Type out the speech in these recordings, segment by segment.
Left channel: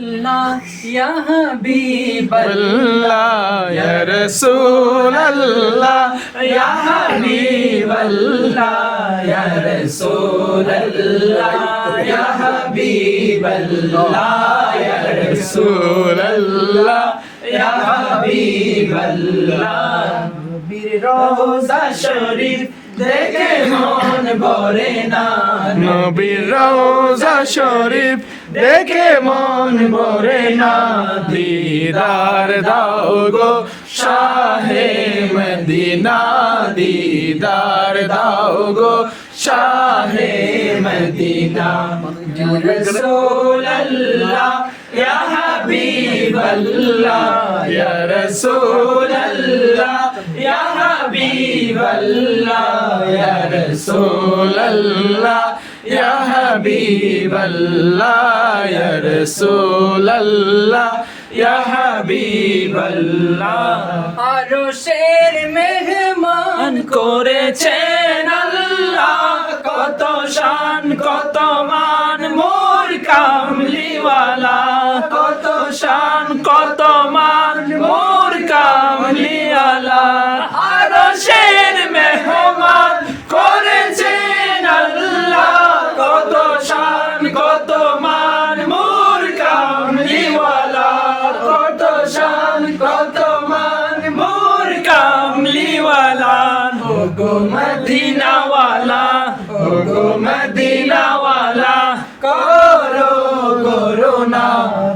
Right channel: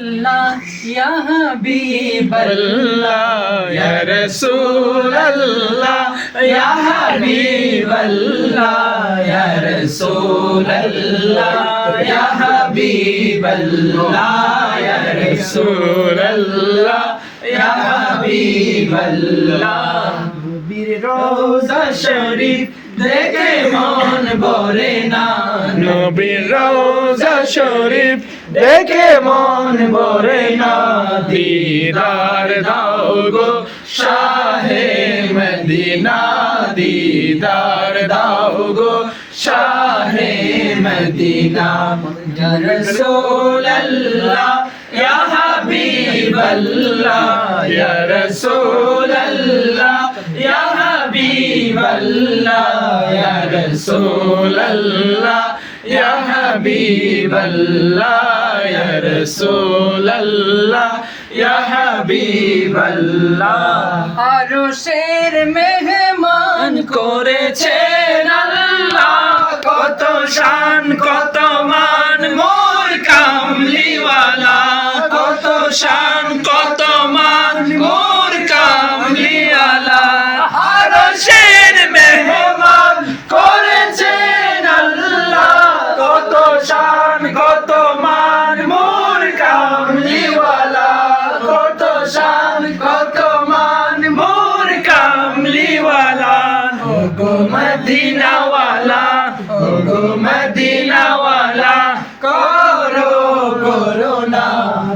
Allah ya Habib Allah ya Rasul Allah ya Habib Allah ya Rasul Allah ya Habib Allah ya Rasul Allah ya Habib Allah নবীর রওজা শরীফ দেখে মন ভরে না নবীর রওজা শরীফ দেখে মন ভরে না দিদার দাও গো শাহে মদিনা দিদার দাও গো শাহে মদিনা ইয়া রাসূলুল্লাহ ইয়া হাবিবাল্লাহ ইয়া রাসূলুল্লাহ ইয়া হাবিবাল্লাহ ইয়া রাসূলুল্লাহ ইয়া হাবিবাল্লাহ ইয়া রাসূলুল্লাহ ইয়া হাবিবাল্লাহ আরশের মেহমান করেছেন আল্লাহ কত শান কত মান মোর কামলিওয়ালা কত শান কত মান মোর কামলিওয়ালা আরশের মেহমান করেছেন আল্লাহ কত শান কত মান মোর কামলিওয়ালা কত শান কত মান মোর কামলিওয়ালা ও গো মদিনাওয়ালা ও গো মদিনাওয়ালা করো করুণা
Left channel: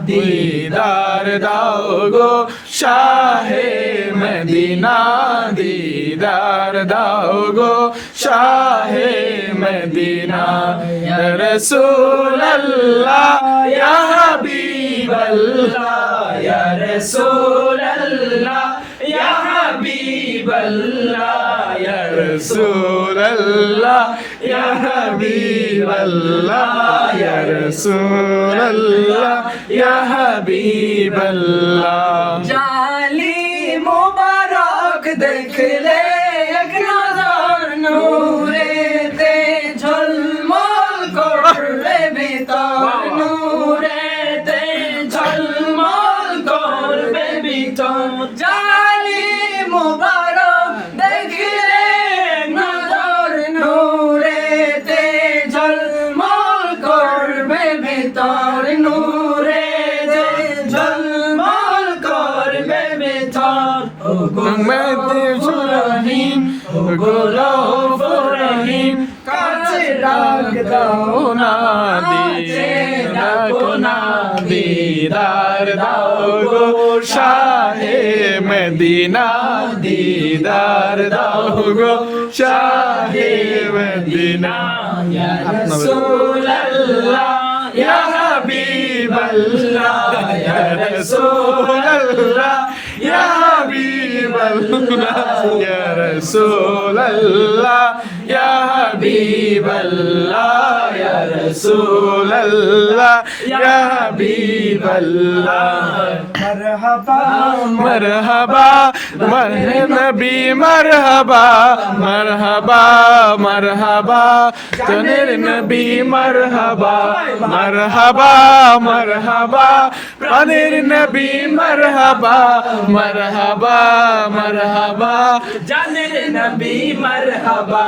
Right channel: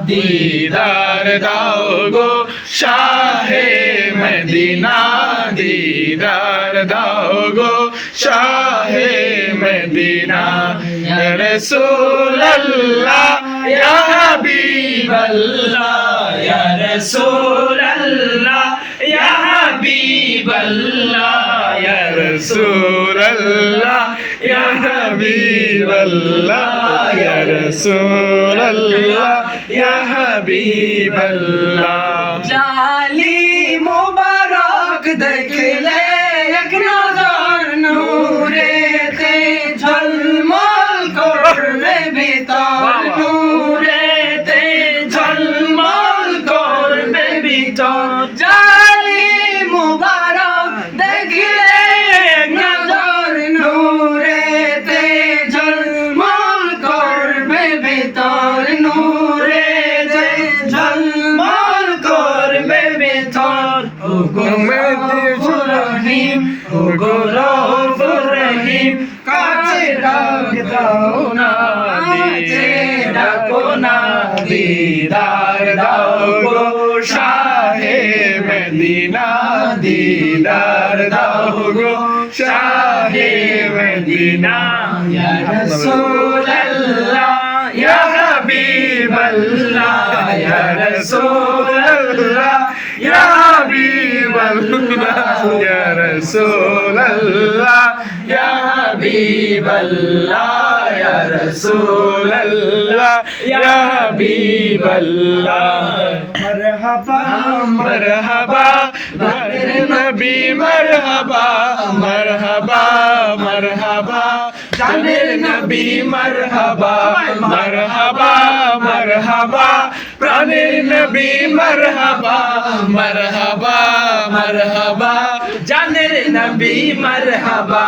দিদার দাও গো শাহে মদিনা দিদার দাও গো শাহে মদিনা ইয়া রাসূলুল্লাহ ইয়া হাবিবাল্লাহ ইয়া রাসূলুল্লাহ ইয়া হাবিবাল্লাহ ইয়া রাসূলুল্লাহ ইয়া হাবিবাল্লাহ ইয়া রাসূলুল্লাহ ইয়া হাবিবাল্লাহ জালি মোবারক দেখলে এক নজর নূরেতে ঝলমল করবে ভিতর নূরেতে ঝলমল করবে ভিতর জালি মোবারক দেখলে এক নজর নূরেতে ঝলমল করবে ভিতর নূরেতে ঝলমল করবে ভিতর ও গো মদিনাতুর রহিম ও গো রউফুর রহিম কাছে ডাক দাও না কাছে ডাকো না দিদার দাও গো শাহে মদিনা দিদার দাও গো শাহে মদিনা ইয়া রাসূলুল্লাহ ইয়া হাবিবাল্লাহ ইয়া রাসূলুল্লাহ ইয়া হাবিবাল্লাহ ইয়া রাসূলুল্লাহ ইয়া হাবিবাল্লাহ ইয়া রাসূলুল্লাহ ইয়া হাবিবাল্লাহ মারহাবা মারহাবা নবী মারহাবা মারহাবা মারহাবা জানের নবী মারহাবা মারহাবা মারহাবা প্রাণের নবী মারহাবা মারহাবা মারহাবা জানের নবী মারহাবা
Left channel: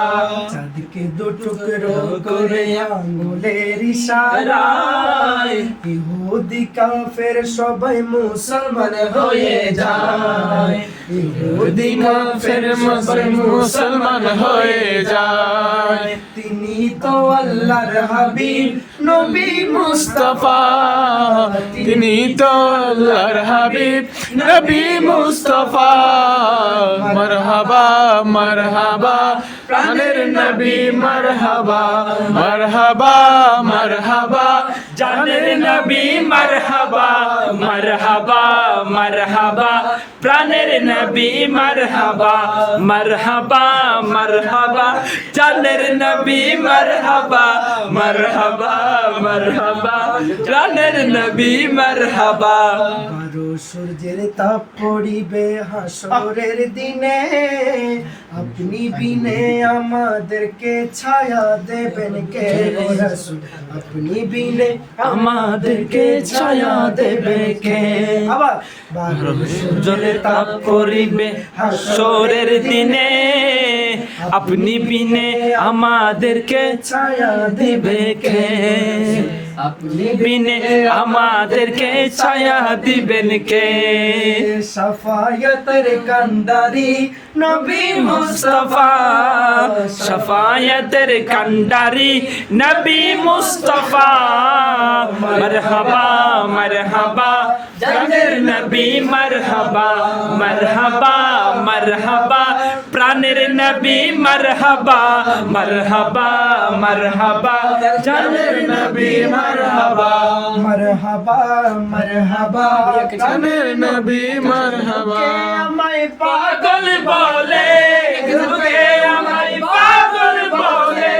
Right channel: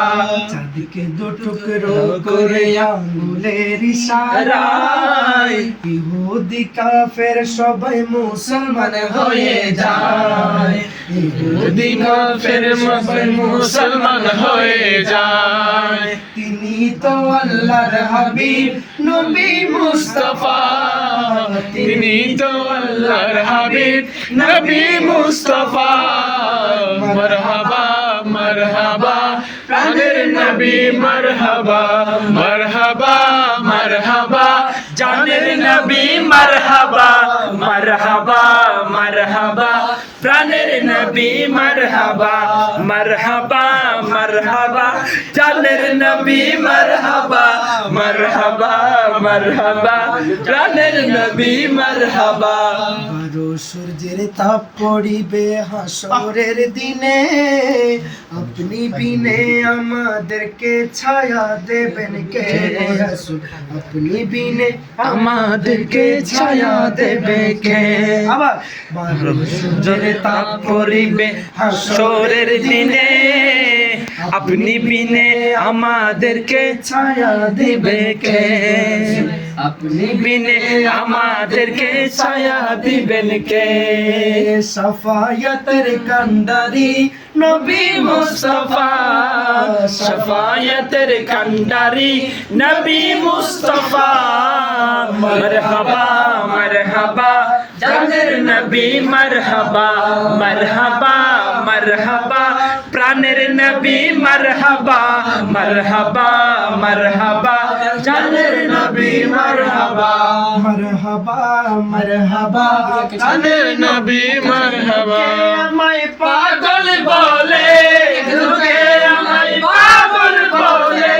চাঁদকে দু টুকরো করে আঙ্গুলের ইশারায় ইহুদি কাফের সবাই মুসলমান হয়ে যায় ইহুদি কাফের সবাই মুসলমান হয়ে যায় তিনি তো আল্লাহর হাবিব নবী মুস্তাফা তিনি তো আল্লাহর হাবিব নবী মুস্তাফা মারহাবা মারহাবা প্রাণের নবী মারহাবা মারহাবা মারহাবা জানের নবী মারহাবা মারহাবা মারহাবা প্রাণের নবী মারহাবা মারহাবা মারহাবা জানের নবী মারহাবা মারহাবা মারহাবা প্রাণের নবী মারহাবা বারো সূর্যের তাপ পড়িবে হাসরের দিনে আপনি বিনে আমাদেরকে ছায়া দেবেন কে রাসূল আপনি বিনে আমাদেরকে ছায়া দেবে কে আবার বারো সূর্যের তাপ পড়িবে হাসরের দিনে আপনি বিনে আমাদেরকে ছায়া দিবে কে আপনি বিনে আমাদেরকে ছায়া দিবেন কে সাফায়াতের কান্ডারি নবী মুস্তাফা সাফায়াতের কান্ডারি নবী মুস্তাফা মারহাবা মারহাবা জানের নবী মারহাবা মারহাবা মারহাবা প্রাণের নবী মারহাবা মারহাবা মারহাবা জানের নবী মারহাবা মারহাবা মারহাবা জানের নবী মারহাবা আমায় পাগল বলে লোকে আমায় পাগল বলে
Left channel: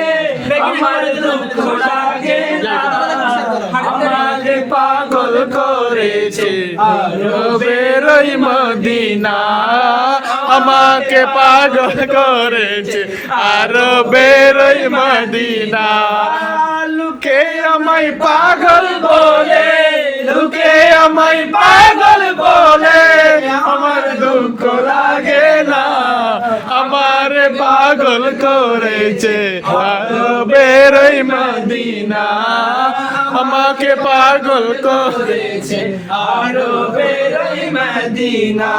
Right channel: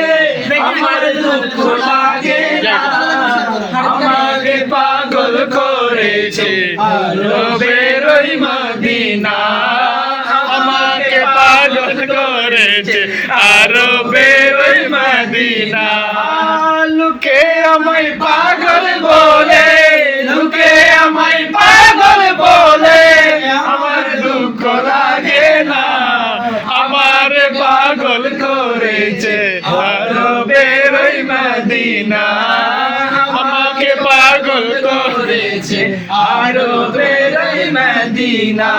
আমার দুঃখ লাগে না আমাকে পাগল করেছে আরো বেরোই মদিনা আমাকে পাগল করেছে আরো বেরোই মদিনা লোকে আমায় পাগল বলে লোকে আমায় পাগল বলে আমার দুঃখ লাগে না আমার পাগল করেছে আরো বেরোই মদিনা আমাকে পাগল করেছে আরো বেরোই মদিনা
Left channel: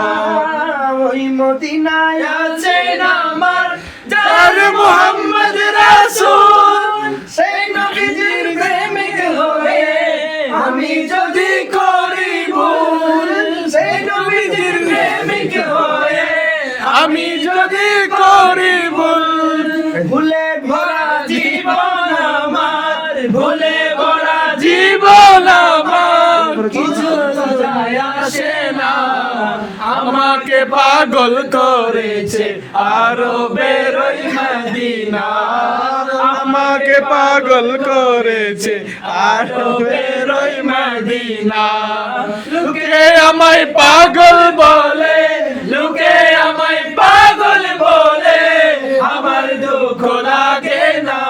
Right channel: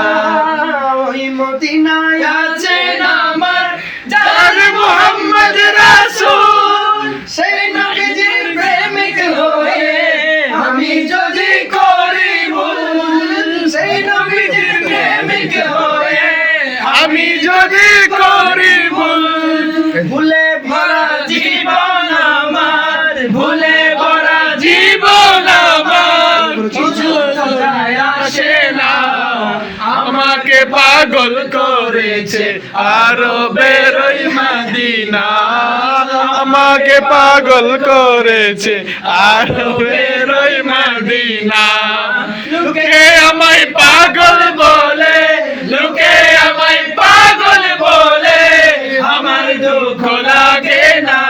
ওই মদিনায় আছে আমার যার মুহাম্মদ রাসূল সেই নবীজির প্রেমিক হয়ে আমি যদি করি ভুল সেই নবীজির প্রেমিক হয়ে আমি যদি করি ভুল ভুলে ভরা জীবন আমার ভুলে ভরা জীবন আমার কিছু যায় আসে না আমাকে পাগল করেছে আরো বেরোই মদিনা আমাকে পাগল করেছে আরো বেরোই মদিনা লোকে আমায় পাগল বলে লোকে আমায় পাগল বলে আমার দুঃখ লাগে না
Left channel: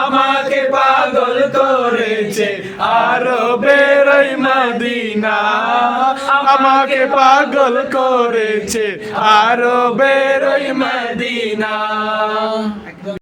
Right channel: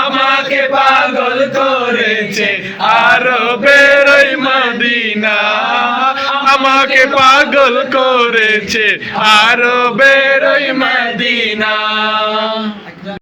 আমাকে পাগল করেছে আরো বেরোই মদিনা আমাকে পাগল করেছে আরো বেরোই মদিনা